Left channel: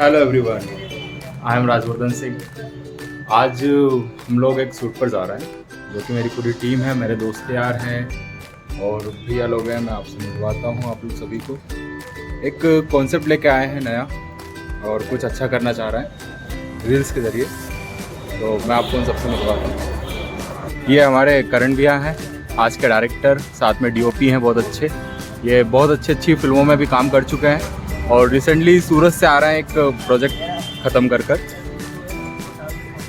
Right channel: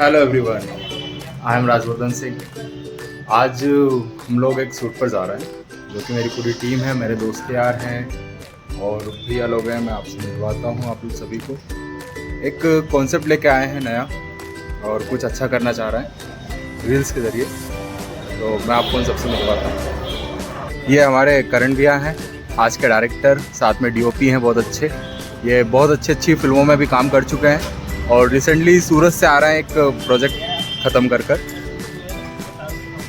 Hello everyone, I am Rajvardhan Singh. आज हम लोग एक शूट पर जा रहे हैं, जो कि मेरी पूरी टीम है, मेरे दोस्त यार हैं और भैया लोग हैं। मैं आपसे मिलवाता हूँ आप लोग सभी को। एक कॉन्सेप्ट लेके आए हैं नया और कुछ अच्छा करना चाह रहे हैं रील्स के ज़रिए, तो मैं आपको उन सबसे मिलवाता हूँ। ये हमारे करण भैया हैं, आज के डायरेक्टर, साथ में डीओपी हैं बहुत अच्छे। ये बहुत अच्छी फिल्मों में भी काम कर चुके हैं और रिसेंटली सूरत से आ रहे हैं एक प्रोजेक्ट ख़त्म कर।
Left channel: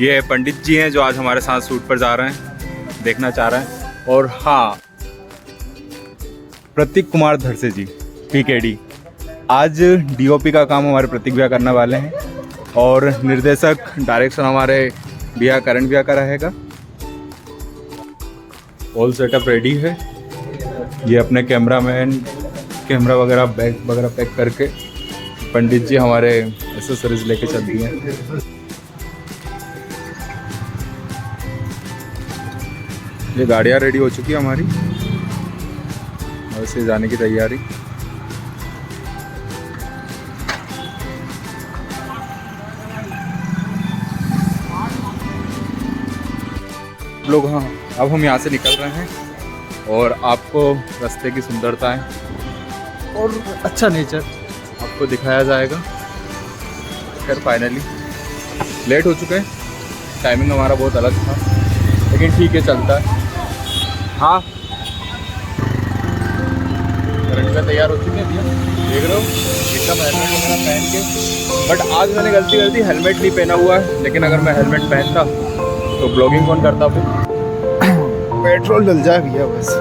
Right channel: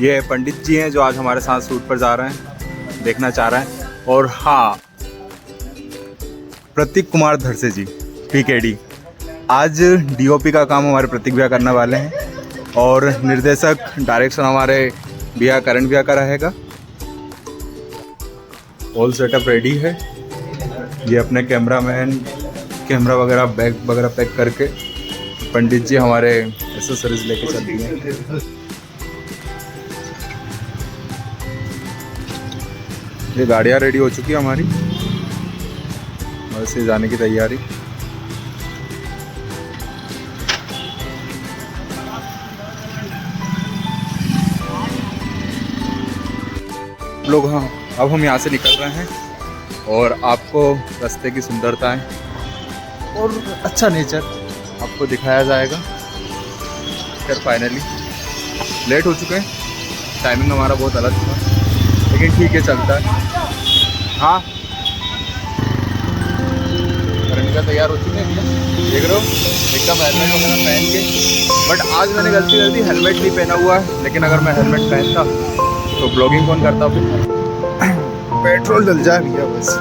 ये पंडित जी हैं जो आज हमारे साथ शूट पर जा रहे हैं, देखना चाह रहे हैं। और हाँ, प्रतीक कुमार धरसे जी पीकेडी, आज डीओपी का काम हमारे प्रतीक भैया करने वाले हैं और निर्देशक डायरेक्शन हमारे भैया करण भैया का रहेगा। ऑल सेटअप रेडी है। ये अपने कैमरामैन कैमरा वगैरह बैग वगैरह पैक करके पंडित जी हमारे एसेसरीज लेके चल दिए हैं। ये गाड़ियाँ रेडी हो चुकी है हमारी, वैसे जाने की तैयारी। लोग हाँ, अब हम यहाँ से निकल रहे हैं और आपको रास्ते की सुंदरताएं और अच्छा नेचर आपको दिखाया जाएगा। खैर फाइनली लेट हो चुके हैं, टाइमिंग हमारा बहुत अलग था, लेकिन ठीक है, चलता है। हाँ, करण तैयार हो चुके हैं भैया, देख रहे हो एकदम हेलमेट वगैरह पहन के। बट आज मैंने गलती कर दी, हेलमेट नहीं पहना हुआ है, लेकिन अगर मैं हेलमेट पहनता तो ब्लॉगिंग कौन करता फिर। पेट्रोल डल जाए भैया बस।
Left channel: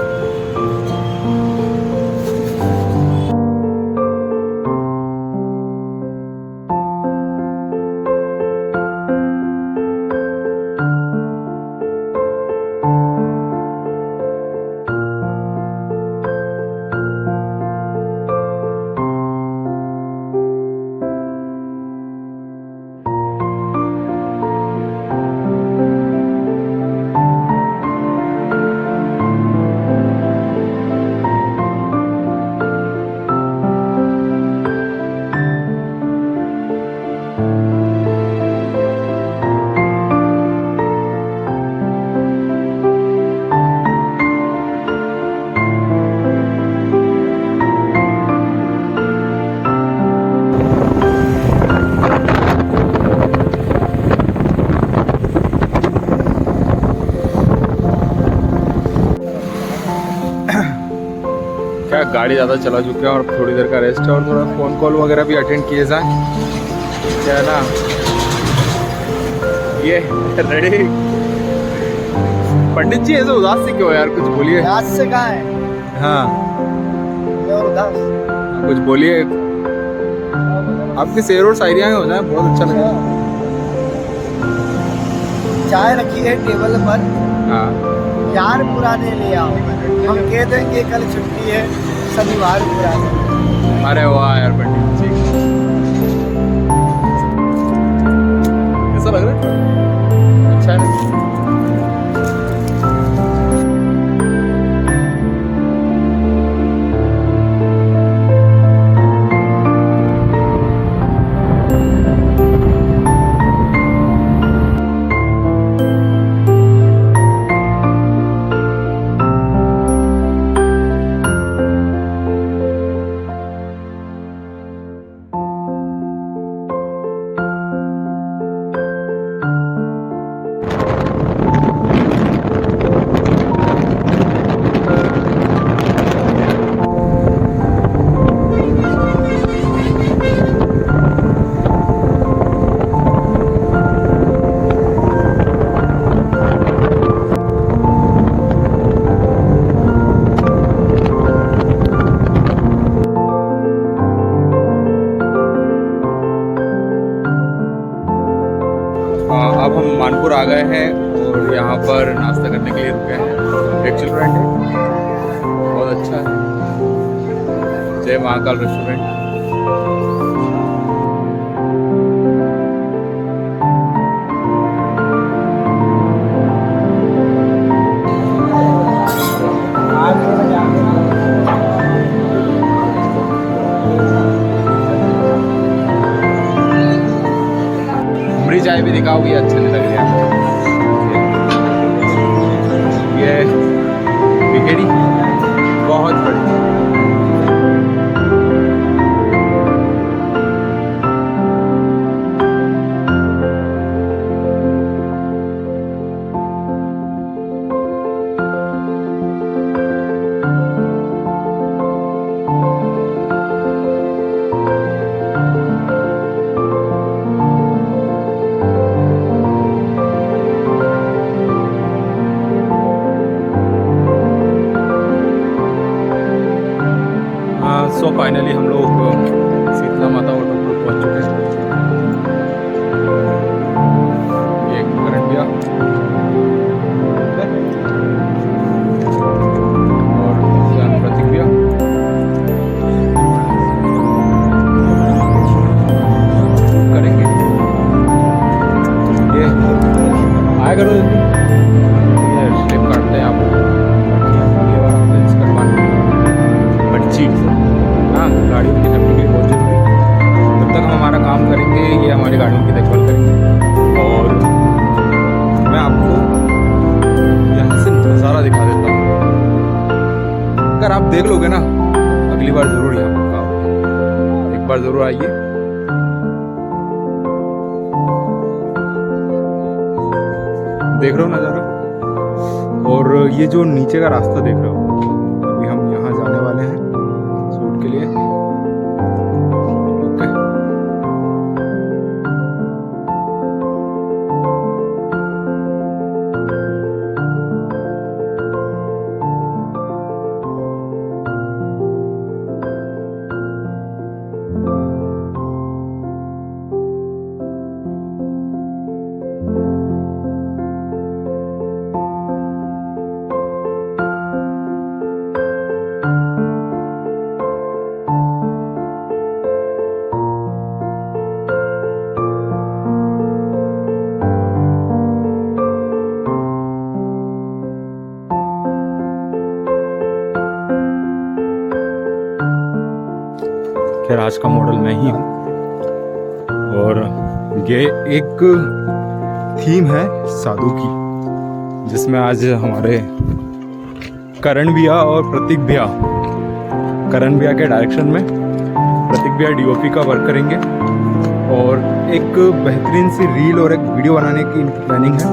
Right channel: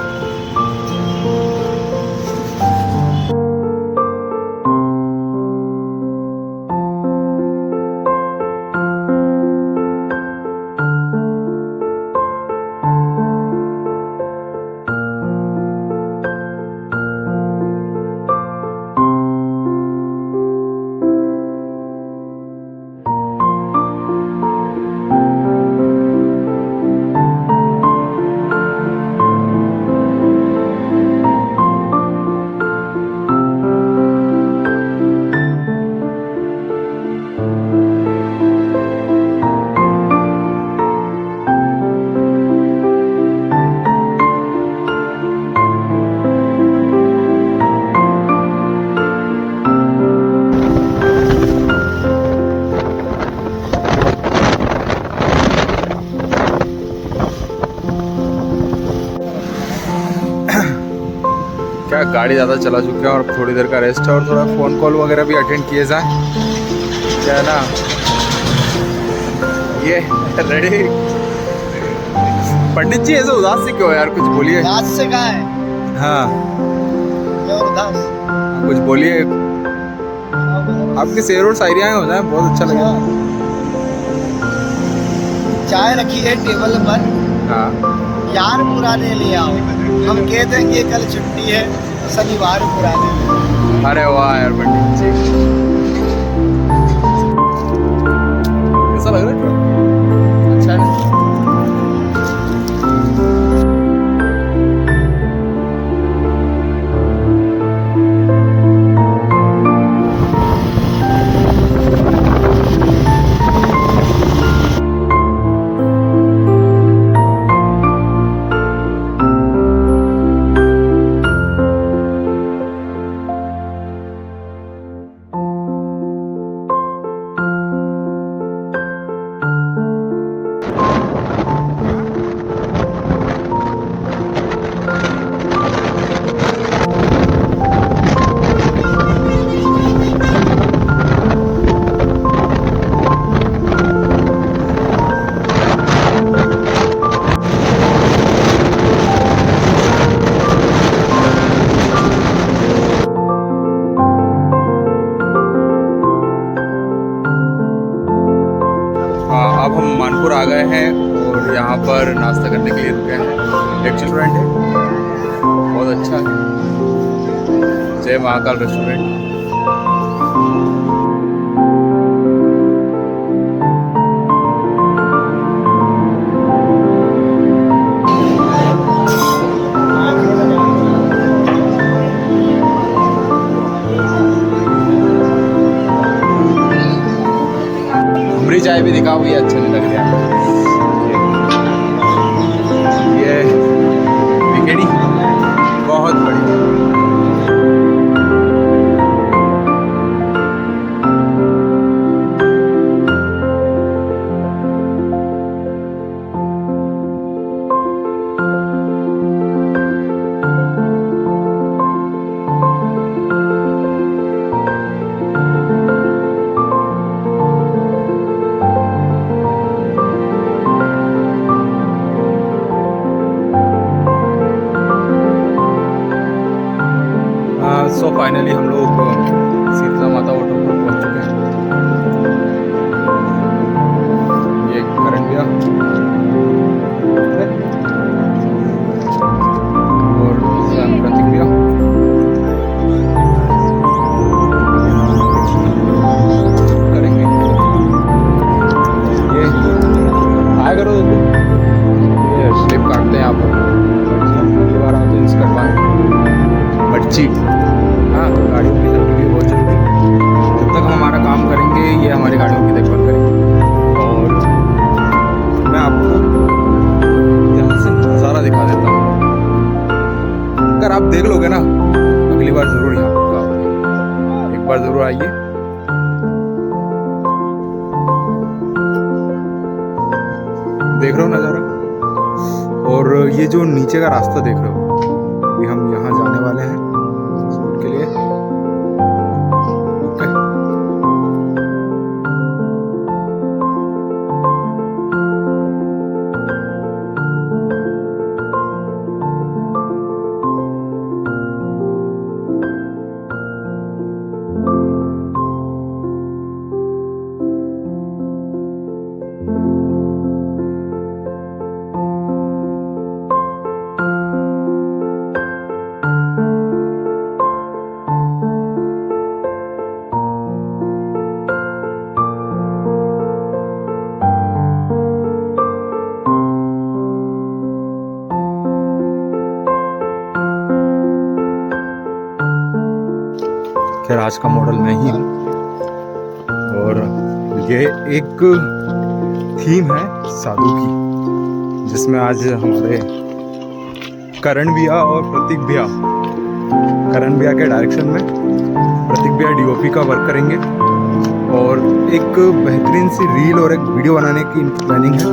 क्या गाड़ी ज़्यादा चला चुके हैं और थोड़ी देर का रेस्ट है और थोड़ा फ़ोन कॉल वगैरह भी अटेंड किए जाएं, क्या है ना। ये रेडी। पंडित जी ऐसे उदास से क्यों यार, कुछ बोलिए। उदास से कहाँ है? हाँ, और उदास कुछ बोलिए। आपकी शेर और शायरियाँ हो जाए, बहुत अच्छा लगेगा। चाय रखी है टेबल पर, हाँ, यार पुराने ले आओ, हम कह देंगे कल छुट्टी है, शनिवार पुराने ले। अरे वाह यार पंडित जी, कैसा लग रहा है? अच्छा है ना। अब हम मानपुर आ गए हैं और यहाँ पर नाश्ता करने के लिए रुके हैं। एक रेस्टोरेंट है, बहुत अच्छा है, जय महाकाल रेस्टोरेंट। उमरी चाय भी दिखाओ, ये अच्छा नहीं लग रहा ये विकेटी बहुत बड़ी। सो फाइनली हम लोग शीतला माता वाटरफॉल पहुंच चुके हैं। ये करंडिया और प्रतीक भैया करेंगे ये आया करो जल्दी। ये स्लिप काटते हैं आप ये बार आते हैं इसका पर्ची। हाँ, गाड़ियों की सेफ्टी के लिए बहुत ज़रूरी। जब तक हम हमारा काम करेंगे ये हमारी गाड़ियों की देखभाल करेंगे। और मैं आपको यहाँ से नज़ारा दिखा देता हूँ। अगर आप देख लोगे ना तो अगली बार ज़रूर यहाँ पक्का आओगे। एक बार ज़रूर आइए। देख रहे हो नज़ारा। और ये जो नीचे का रास्ता देख रहे हो, अभी हम यहाँ जाने वाले हैं शूट के लिए। ओके। खैर आज का मॉडल मैं ही हूँ और ये एक थीम है साधु की, जिसमें आज हमारे करण भैया और प्रतीक भैया, करण भैया के डायरेक्शन में प्रतीक भैया डीओपी का वर्क करेंगे और एक बेहतरीन सी रील और एक वीडियो बनाने की इनकी प्लानिंग है।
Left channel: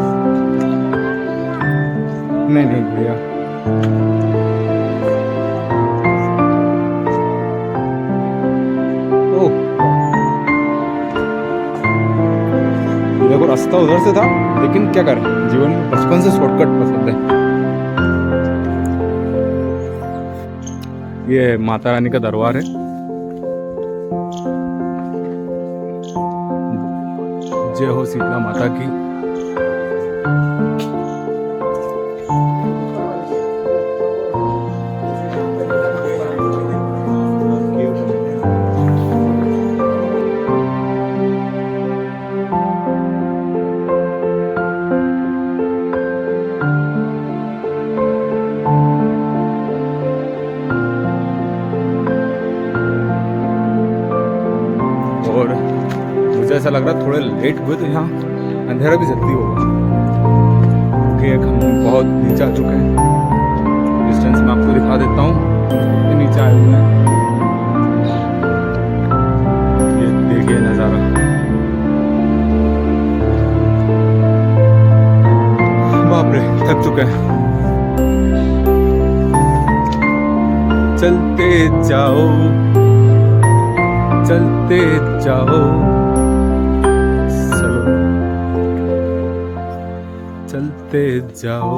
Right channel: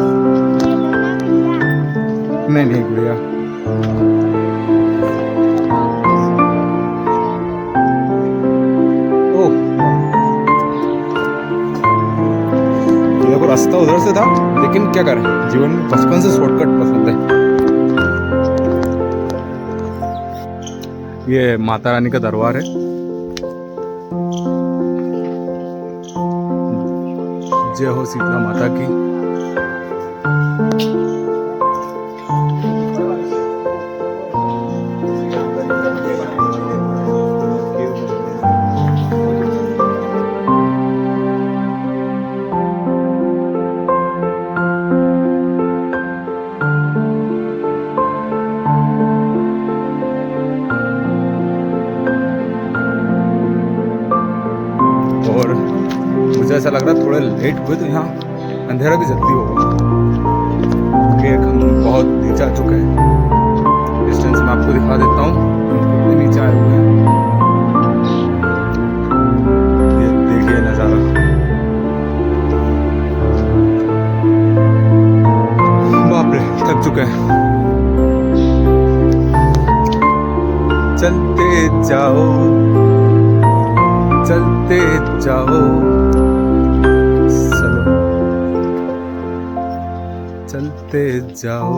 नहीं भैया देखो रास्ता उधर से था, लेकिन क्या करें, जीवन में बचपन से शॉर्टकट पसंद है। ये माता रानी का दरबार है। जय हो शीतला माता की। और मुझे ऐसा लग रहा है थोड़े लेट हुए तो यहाँ अंधेरा भी जल्दी होगा, क्योंकि हम बहुत नीचे आ चुके हैं। डिस्टेंस में आपको दिखा देता हूँ कितने नीचे आए हुए हैं। ये देखिए नज़ारा, बाप रे थक चुके हैं। चलते जाओ चलते जाओ, चलो चलते जाओ।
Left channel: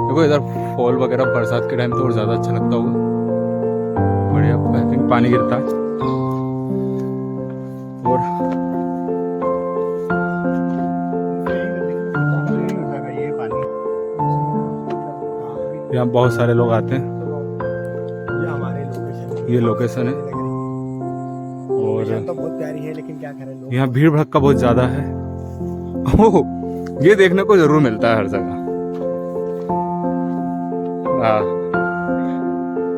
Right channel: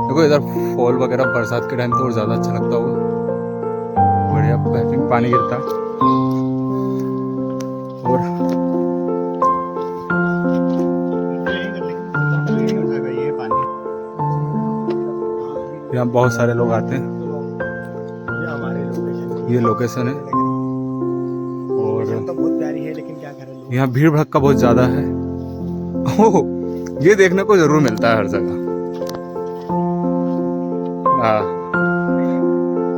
देखो इधर फॉल वगैरह बरसात के टाइम तो और ज़्यादा अच्छा लगता होगा। बढ़िया बेहतरीन पानी गिरता है। और यहाँ बहुत सारे लोग आते हैं। ये लोकेशन है और तो बहुत प्यारी है, लेकिन क्या करें, यहाँ भीड़ भड़का बहुत ज़्यादा है। ओह, ये देखने को जरूर मिलता है हर जगह।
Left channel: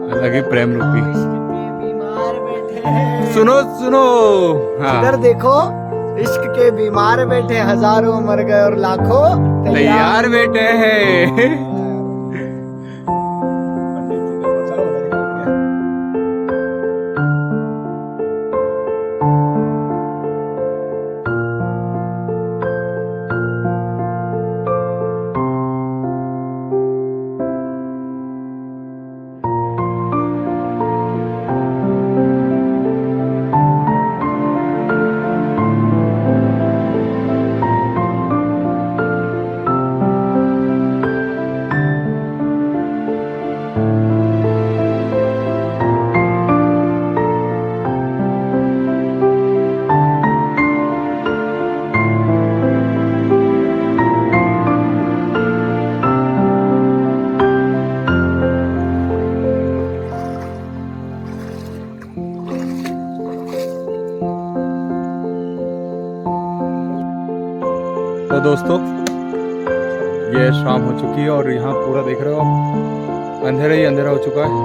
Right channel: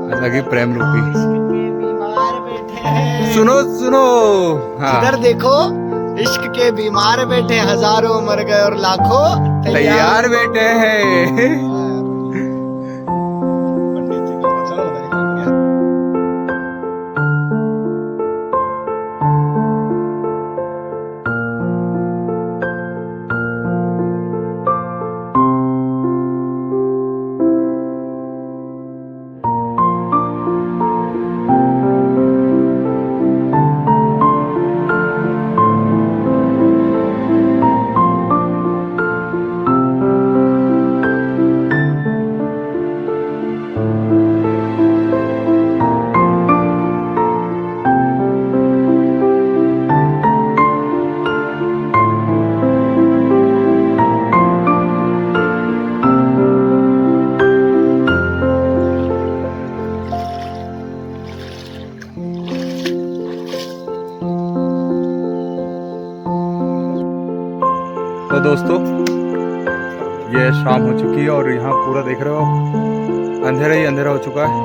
अलग ही प्रेम रूपी। इश्क के बीमार बैठे हैं। सुनो सुनो, हाँ। इधर देखो, इश्क के बीमार बैठे, हजारों मर गए और लाखों तैयार बैठे हैं। पंडित जी को चलो बताइए कौन गया। तो दोस्तों, ये शाम हो चुकी है और यहाँ पूरा देख रहे हो आप, अंधेरा ही अंधेरा हो चुका है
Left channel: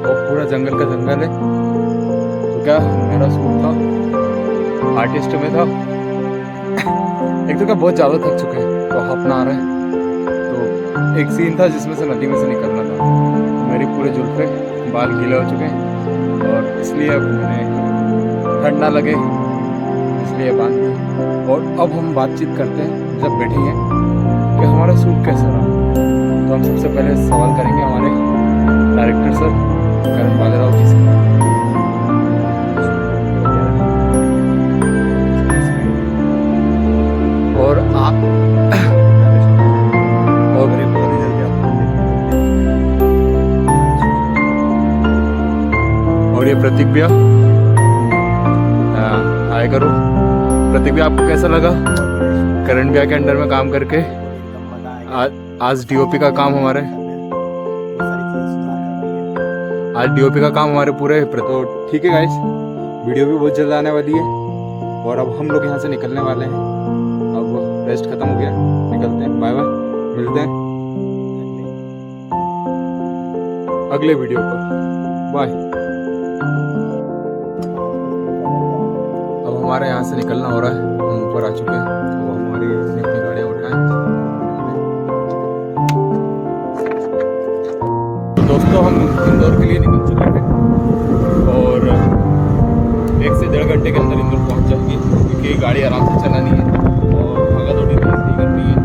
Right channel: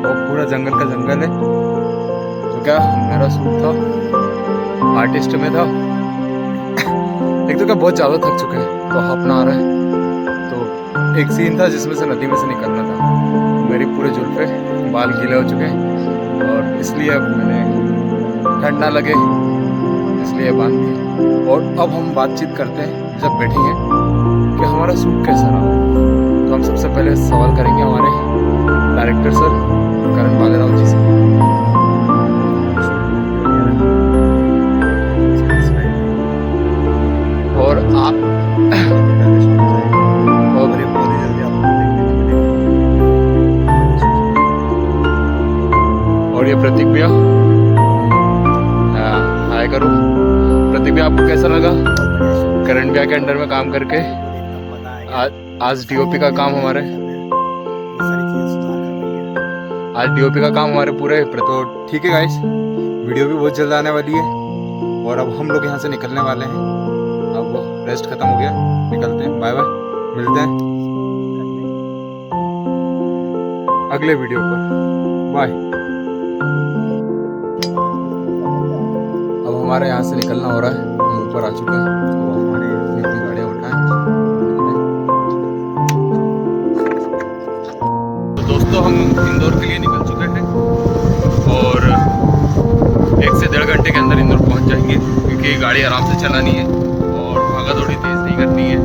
और पूरा जंगल का जंगल है। तो क्या मेरा शूट था, आर्टिस्ट में था। एक तो क्या बहुत ज़्यादा थक चुके हैं, तो हाफना आ रहा है। तो एक सीन था जिसमें से नदी में से निकलना था, तो मेरी पूरे जुल्फे बाल गीले हो चुके हैं और इसलिए अब मैंने ठंड ना लगे इसलिए बांध दिए। और अब हम बातचीत करते हैं जब बैठेंगे कि हमारा शूट कैसा रहा। तो हम सबसे पहले सवाल करेंगे हमारे डायरेक्टर सर करण बालेराव जी से। और आप और ये प्रतीक भैया, हाय करो। प्रतीक भैया, आपको कैसा लगा करण भैया के अंडर में काम करके? आज डीओपी का काम हमारे डीओपी का काम हमारे पूरे। तो ठीक है गाइस, वीडियो भी बहुत जल्द आने वाली है और अब हम लोग यहाँ से निकलने वाले हैं। अब रेस्ट खत्म हो गया, निकलते हैं। बाय बाय, मिलते हैं अगले वीडियो पर। बाय। अब हमारे यहाँ से निकलना हो रहा है, हम ऊपर आ चुके हैं। अब हमारी अपनी गाड़ियाँ उठाएं। तो दोस्तों, हम इंदौर के लिए निकल चुके हैं और 1 से 1.5 घंटे के अंदर इंदौर पहुँच जाएंगे, क्योंकि गाड़ी आराम से चलानी है और भागा दौड़ी तेज नहीं करनी है।